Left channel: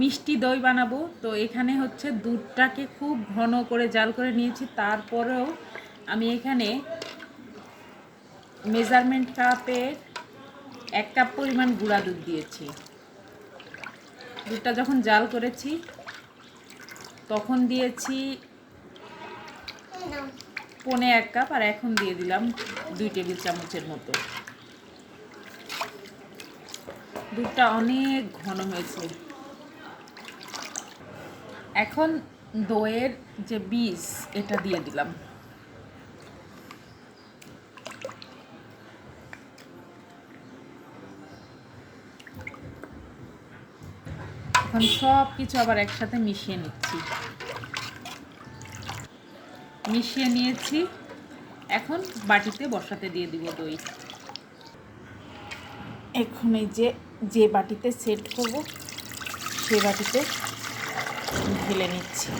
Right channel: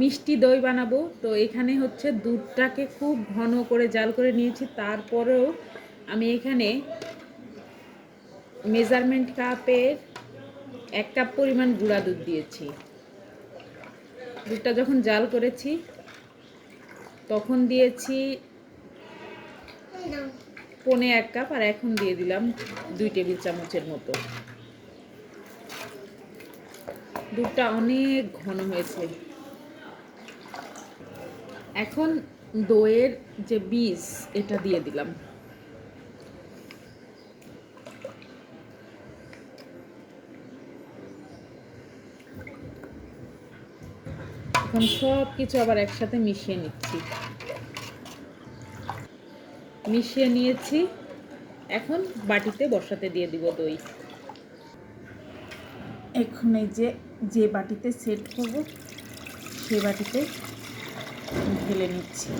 মিষ্টি দই বানাবো। তো এখানে হচ্ছে দুধটাকে খুব ঘন করে জাল করে নিয়েছি, তারপরেও আমি এখানে মেজারমেন্ট কাপের 1 কাপ পরিমাণ গুঁড়া দুধ দিয়েছি। দুধটা যখন জাল করেছি তখন দিয়েছি 1.25 কাপ, আর এখন দিয়ে দিলাম 2 টেবিল চামচের মতো। দুধটা অনেক ঘন হয়েছে। এখন দইয়ের যে বীজ এটা দিয়ে দিলাম। এখন সব কিছু আবার একসাথে মিশিয়ে নিচ্ছি। মিশিয়ে নিয়েছি, এখন বাটিতে বসাতে দিয়ে দিব দই। এখন এই যে বাটিতে সেট করব সে বাটিতে ঢেলে নিচ্ছি।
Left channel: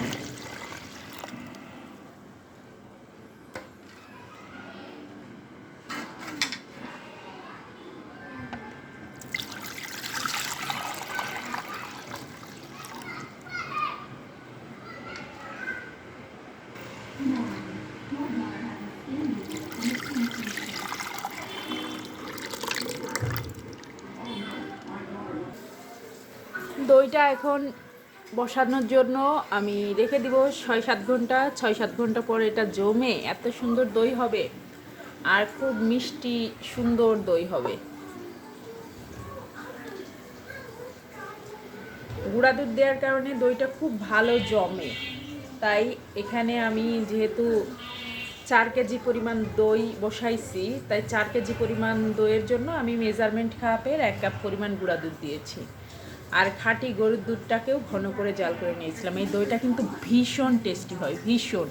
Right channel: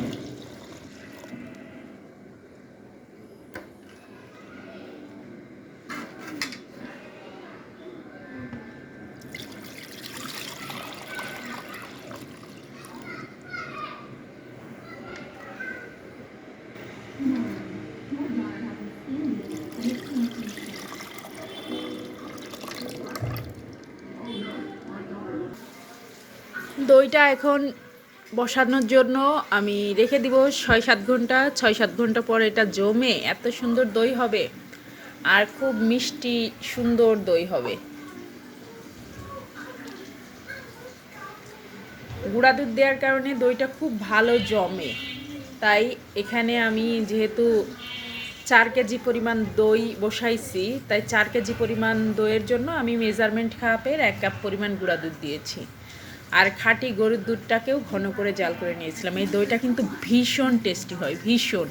দইটা এখন বসানোর জন্য আমি রেখে দিব 6-7 ঘন্টা। 6-7 ঘন্টা পরে এটা জমে এত সুন্দর দই হবে, আর খুব মিষ্টি সুন্দর দই হবে। গুঁড়া দুধ দেওয়ার কারণে দইটা খুব ভালো জমে। তাই এখানে আমি যেহেতু 4 কেজি পরিমাণ দই বসাইছি, তাই 4 কেজি পরিমাণ দইয়ের জন্য আমি মেজারমেন্ট কাপের 1 কাপ পরিমাণ গুঁড়া দুধ দিয়েছি। আর খাঁটি গরুর দুধটাকেও ঘন করে জাল করে নিয়েছিলাম। এই দইটা কিন্তু ভীষণ টেস্টি হয়, ভীষণ।